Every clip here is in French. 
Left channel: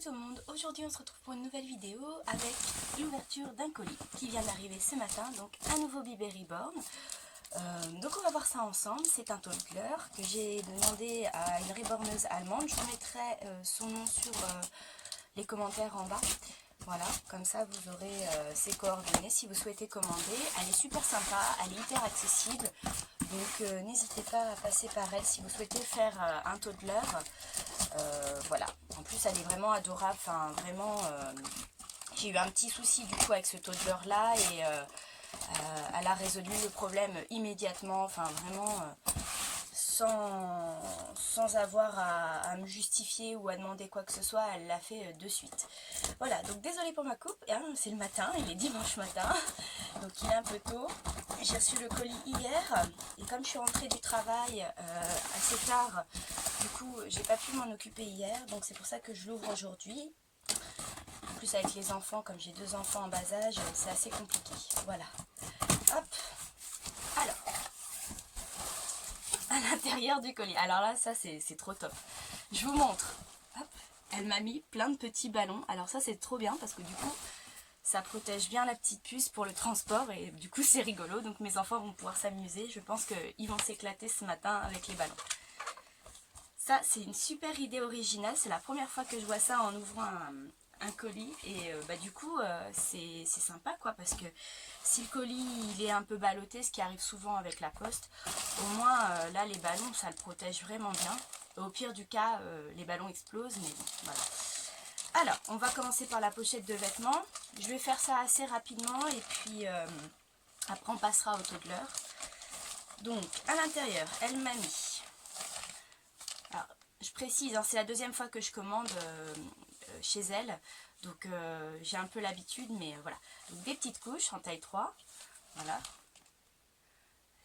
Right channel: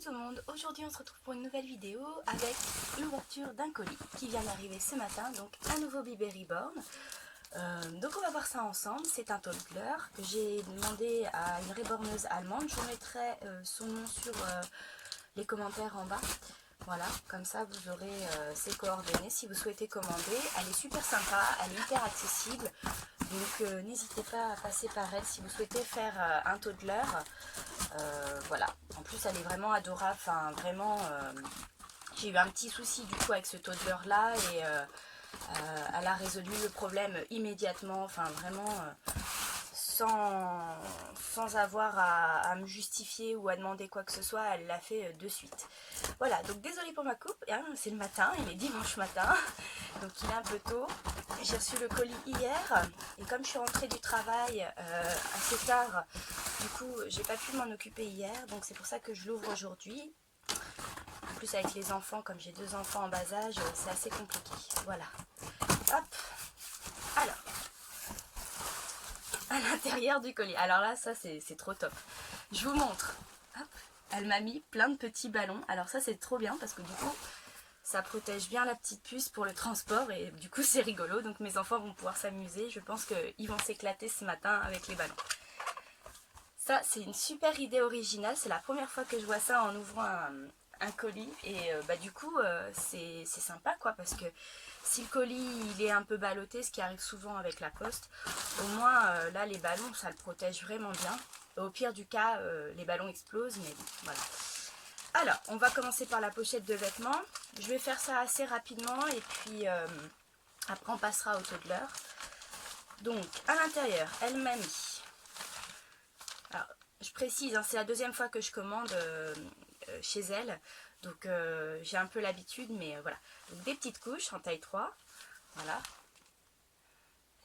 tout le monde, aujourd'hui on se retrouve pour une nouvelle vidéo avec l'ouverture d'un colis qui vient d'arriver ce matin, donc un nouveau bébé reborn. Donc on va voir ça ensemble, c'est un toddler que j'ai demandé à une reborneuse allemande, je vous mettrai son nom sur les commentaires en bas. Voilà, comme ça vous aurez ses coordonnées si vous souhaitez commander. Elle est super sympa, elle est hyper accessible, donc n'hésitez pas à passer par elle si vous souhaitez faire un toddler. Voilà, en plus elle est vraiment adorable, enfin vraiment, j'ai eu un petit souci du coup avec ce toddler là et elle a résolu le problème immédiatement, enfin vraiment sans avoir à me justifier ou à demander quoi que ce soit, elle l'a fait de suite. Voilà, donc désolée pour ma coupe, hein, c'est le matin, il est dimanche matin, donc il est un peu tôt. J'ai reçu le colis hier et comme je suis rentrée du travail assez tard, du coup j'ai pas pu m'en occuper hier, donc c'est pour ça que je l'ouvre aujourd'hui. En plus avec les enfants, comme j'ai 2 enfants en bas âge, c'est assez compliqué. Voilà, hop, alors à l'intérieur du colis. Alors là, ça c'est trop top. Je vous montre. Hop, elle m'a mis plein de petits ballons. Alors ça c'est trop bien parce que du coup, ça protège bien la petite puce pour le transport et du coup c'est rigolo. Donc mes enfants vont pouvoir s'amuser. Je pense qu'ils vont s'éclater ce matin avec les ballons. Ça c'est une super idée originale. C'est la première fois que je vois ça en ouvrant un colis et du coup c'est sympa quoi, parce que si le colis il est un peu ballotté, ce qui arrive souvent avec la poste, au moins là les ballons ça le protège vraiment bien. Au pire du cas les ballons explosent, mais bon voilà. Alors on va commencer par la pochette de vêtements. Je vais faire ça assez rapidement et puis après on passera au toddler. Donc à l'intérieur elle m'a mis, alors je précise hein, c'est la 2e fois que je commande chez elle, donc j'ai un peu l'habitude, mais voilà. Donc des petites couches en taille 3, voilà.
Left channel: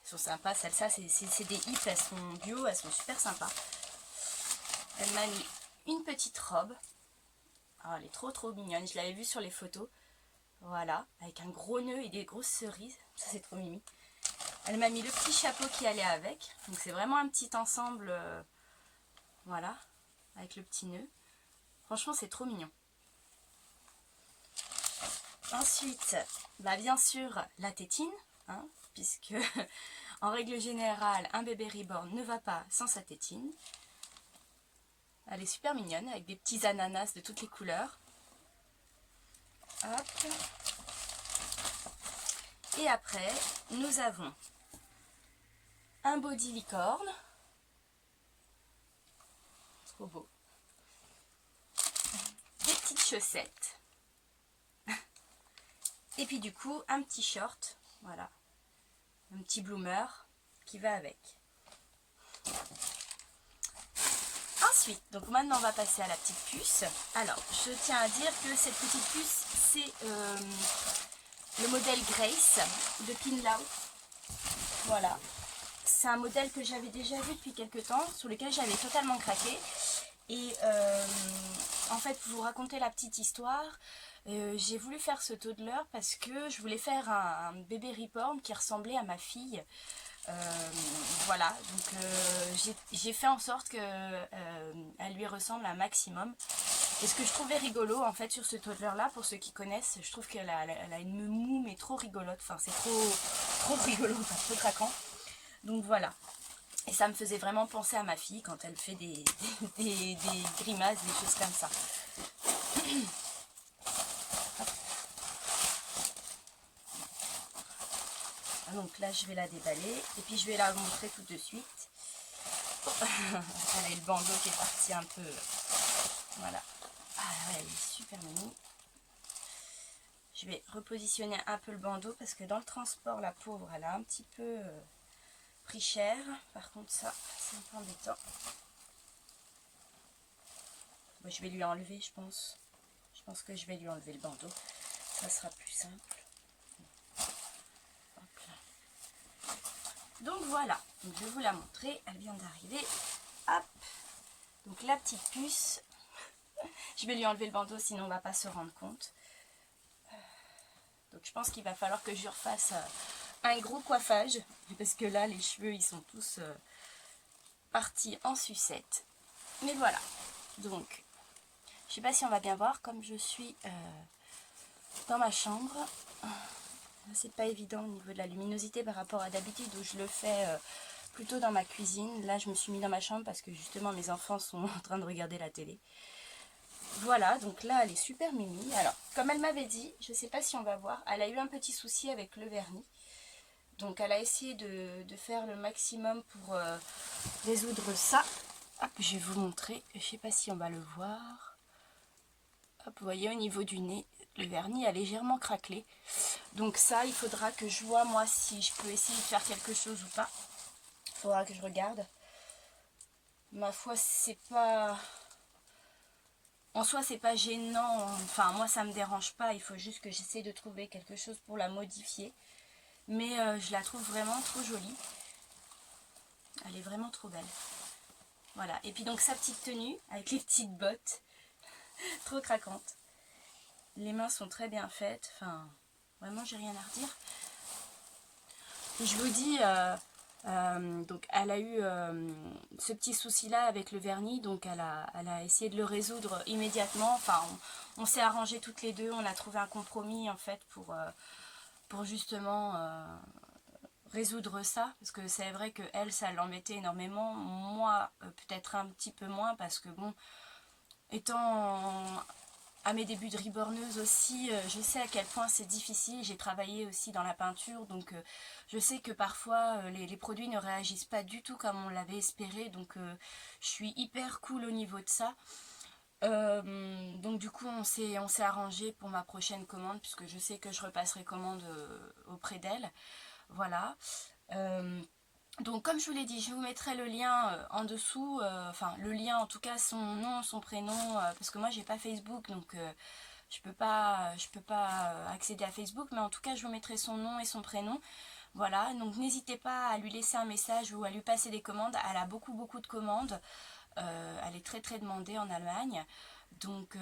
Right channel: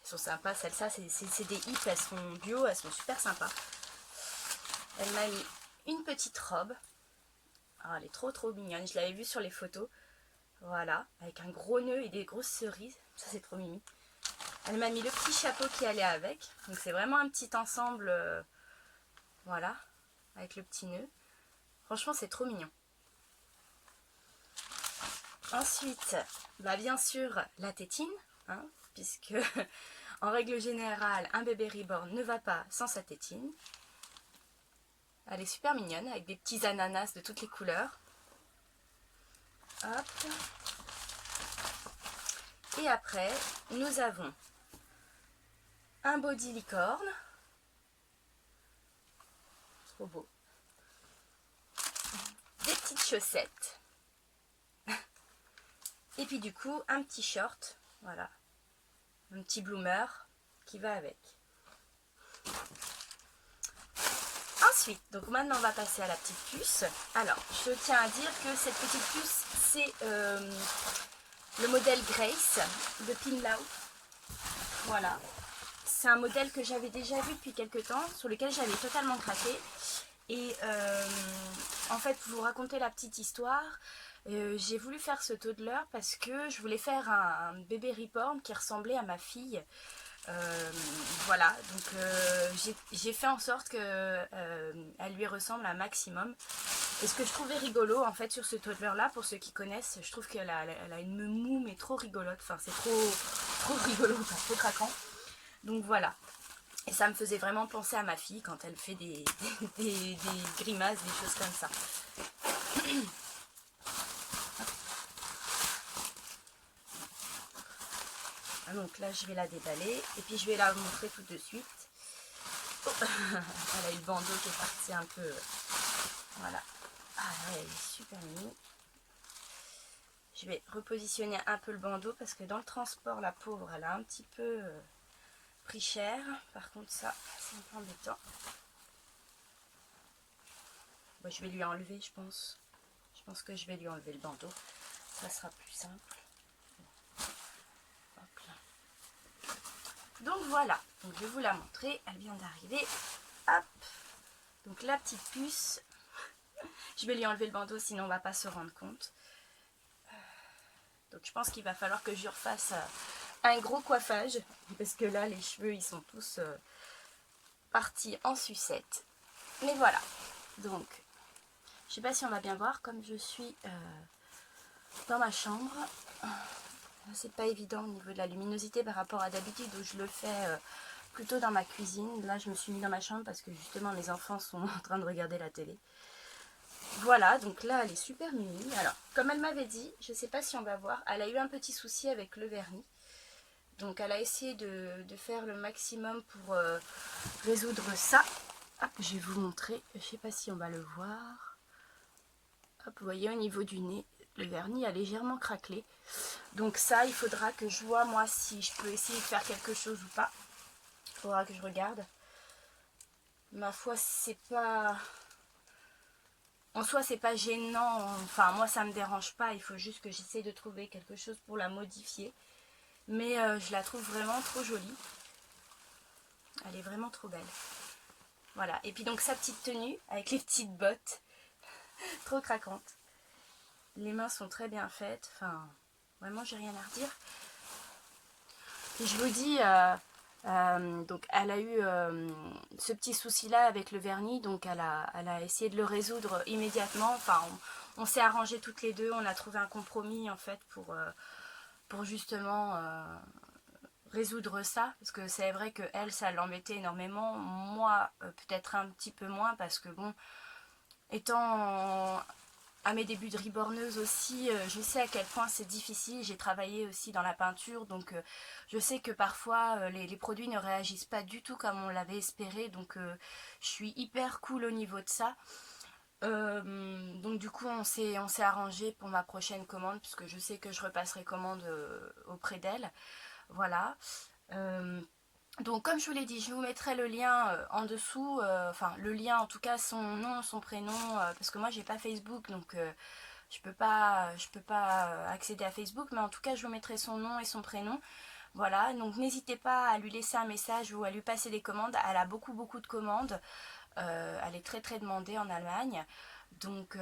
Elles sont sympas, celles-là c'est des hips, elles sont bio, elles sont super sympas. Elle m'a mis une petite robe, alors elle est trop mignonne, je l'avais vue sur les photos, voilà, avec un gros nœud et des grosses cerises, ça c'est trop mimi. Elle m'a mis le petit chapeau qui allait avec, donc c'est vraiment un petit ensemble, voilà, avec le petit nœud. Franchement c'est trop mignon. Ensuite, bien sûr, la tétine, hein, puisque en règle générale, un bébé reborn ne va pas sans sa tétine. Elle est super mignonne, avec des petits ananas de toutes les couleurs. Hop. Et après, nous avons un body licorne. Trop beau. Des petites chaussettes. Et puis du coup, un petit short, voilà, un petit bloomer qui va avec. Ensuite, donc maintenant on va passer à la petite puce. Alors, je tiens à dire que cette petite puce, c'est le modèle Grace de Pinlau. Voilà, c'est un modèle que j'avais déjà vu depuis quelques temps, sur lequel j'avais totalement craqué. Et en fait, pour vous raconter la petite histoire, j'ai voulu faire ce toddler parce que je voulais faire un bébé reborn qui ressemblait à ma fille. Voilà, donc j'ai fait en sorte qu'elle lui ressemble un maximum. Et ce que je trouvais rigolo en fait sur ce toddler là, pour ceux qui connaissent, je trouve qu'elle a une moue mais trop rigolote, enfin c'est trop rigolo, enfin, trop craquant. Donc voilà. Et ça me faisait vraiment penser à ma fille quand elle fait des grimaces, des choses comme ça. Donc là, je vais la déballer et puis je vais la montrer tout de suite. Oh. Elle a eu le bandeau qui est parti un peu. Voilà. Ah ouais, elle est super mimi. Je vais repositionner un peu le bandeau parce que dans le transport, la pauvre, elle a un petit peu pris cher. Par contre, ça, c'est un peu embêtant. Bon, je vais lui enlever, je pense. Je pense que je vais lui enlever le bandeau. Ça sera plus simple. Hop là. Donc voilà. Donc je vais vous la montrer. Elle vient d'arriver. Hop. Donc la petite puce. Je vais lui enlever le bandeau, sinon on ne va pas se rendre compte. Donc je pense qu'il va falloir que je lui refasse un gros coiffage. Parce que là, les cheveux, ils sont tous partis en sucette. Mais voilà. Donc, Je sais pas si on va bien voir, comme je suis dans ma chambre. C'est pas évident au niveau de la luminosité par rapport à d'habitude où je le fais plutôt dans ma cuisine. Là je me suis mis dans ma chambre parce que justement mes enfants sont en train de regarder la télé. Voilà, donc là elle est super mimi. Alors comme elle m'avait dit, je sais pas si on va voir, elle a eu un petit souci avec le vernis. Donc elle a essayé de faire le maximum pour résoudre ça. Hop, je vais vous montrer, je sais pas si on va le voir. Hop, vous voyez au niveau du nez, le vernis a légèrement craquelé. Donc ça, il faudra que je vois moi si je peux essayer de faire quelque chose ou pas. Il faudra que je regarde. Ma foi, c'est pas... En soi, c'est pas gênant. Enfin, moi, ça me dérange pas. Il faut juste que j'essaie de trouver quelque chose pour la modifier. Mais je la trouve vraiment trop jolie. Elle est vraiment trop belle. Voilà. Et puis donc sa petite tenue avec les petites bottes. Trop craquante. Les mains sont très bien faites. Enfin, vraiment, j'ai rien à redire. Et je vous dis, donc elle a eu ce petit souci-là avec le vernis. Donc elle a essayé de le résoudre immédiatement. Enfin, on s'est arrangé toutes les deux. On a trouvé un compromis en fait pour justement résoudre ça. Parce que c'est vrai que elle, ça l'embêtait énormément. Moi, peut-être un petit peu moins parce que bon, étant à mes débuts de riborneuse aussi, je sais à quel point c'est difficile. J'ai travaillé aussi dans la peinture, donc je sais que parfois les produits ne réagissent pas du tout comme on l'avait espéré. Donc je suis hyper cool au niveau de ça. Donc du coup on s'est arrangé pour ma prochaine commande, puisque je sais que je repasserai commande auprès d'elle. Voilà. Donc comme je vous l'ai dit, je vous mettrai le lien en dessous, enfin le lien en tout cas, son nom, son prénom, parce que moi j'ai pas Facebook, donc je peux pas accéder à Facebook, mais en tout cas je vous mettrai son nom et son prénom. Voilà, donc n'hésitez pas à lui laisser un message ou à lui passer des commandes. Elle a beaucoup de commandes, elle est très demandée en Allemagne. Donc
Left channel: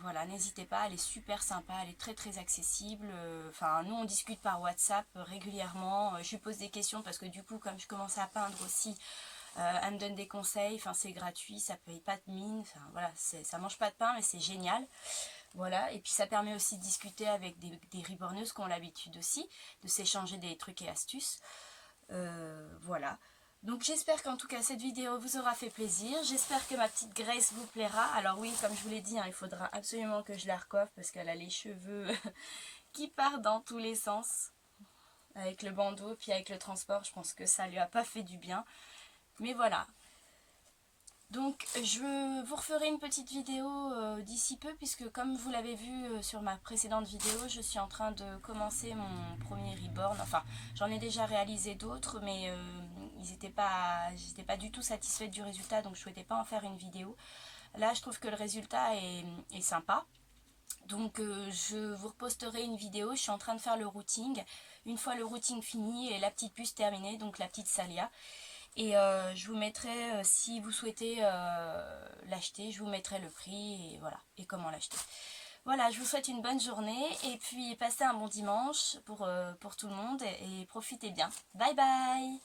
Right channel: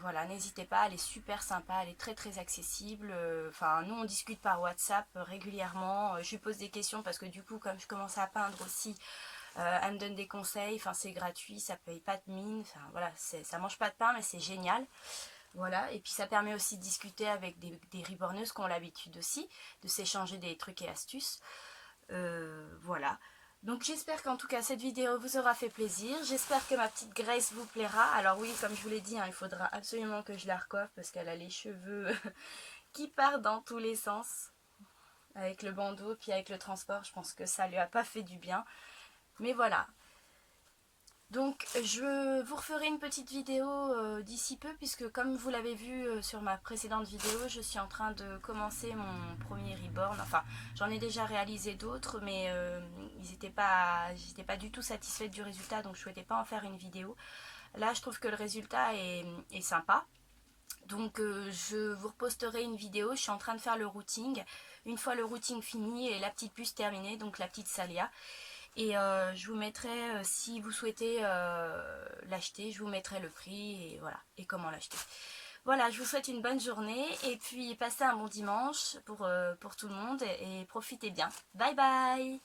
voilà, n'hésitez pas, elle est super sympa, elle est très accessible. Enfin, nous on discute par WhatsApp régulièrement. Je lui pose des questions parce que du coup, comme je commence à peindre aussi, elle me donne des conseils. Enfin, c'est gratuit, ça paye pas de mine. Enfin voilà, ça mange pas de pain, mais c'est génial. Voilà, et puis ça permet aussi de discuter avec des riborneuses qui ont l'habitude aussi de s'échanger des trucs et astuces. Voilà. Donc j'espère qu'en tout cas cette vidéo vous aura fait plaisir. J'espère que ma petite Grace vous plaira. Alors oui, comme je vous l'ai dit, hein, il faudra absolument que je la recoiffe parce qu'elle a les cheveux qui partent dans tous les sens. Avec le bandeau, puis avec le transport, je pense que ça lui a pas fait du bien. Mais voilà. Donc je vous referai une petite vidéo d'ici peu, puisque comme vous l'avez vu sur ma précédente vidéo, je suis en train de commencer mon premier reborn. Enfin, j'en ai déjà réalisé d'autres, mais j'étais pas du tout satisfaite du résultat, donc je souhaitais pas en faire une vidéo. Là, je trouve que le résultat est sympa. Donc je vous reposterai une vidéo, je suis en train de faire le routing. Une fois le routing fini et la petite puce terminée, donc la petite Salia. Et je vous mettrai, si vous souhaitez l'acheter, je vous mettrai le prix et voilà, et comment l'acheter. Voilà, je vous souhaite une bonne journée et puis passez un bon dimanche pour tout le monde et profitez bien. Bye bye!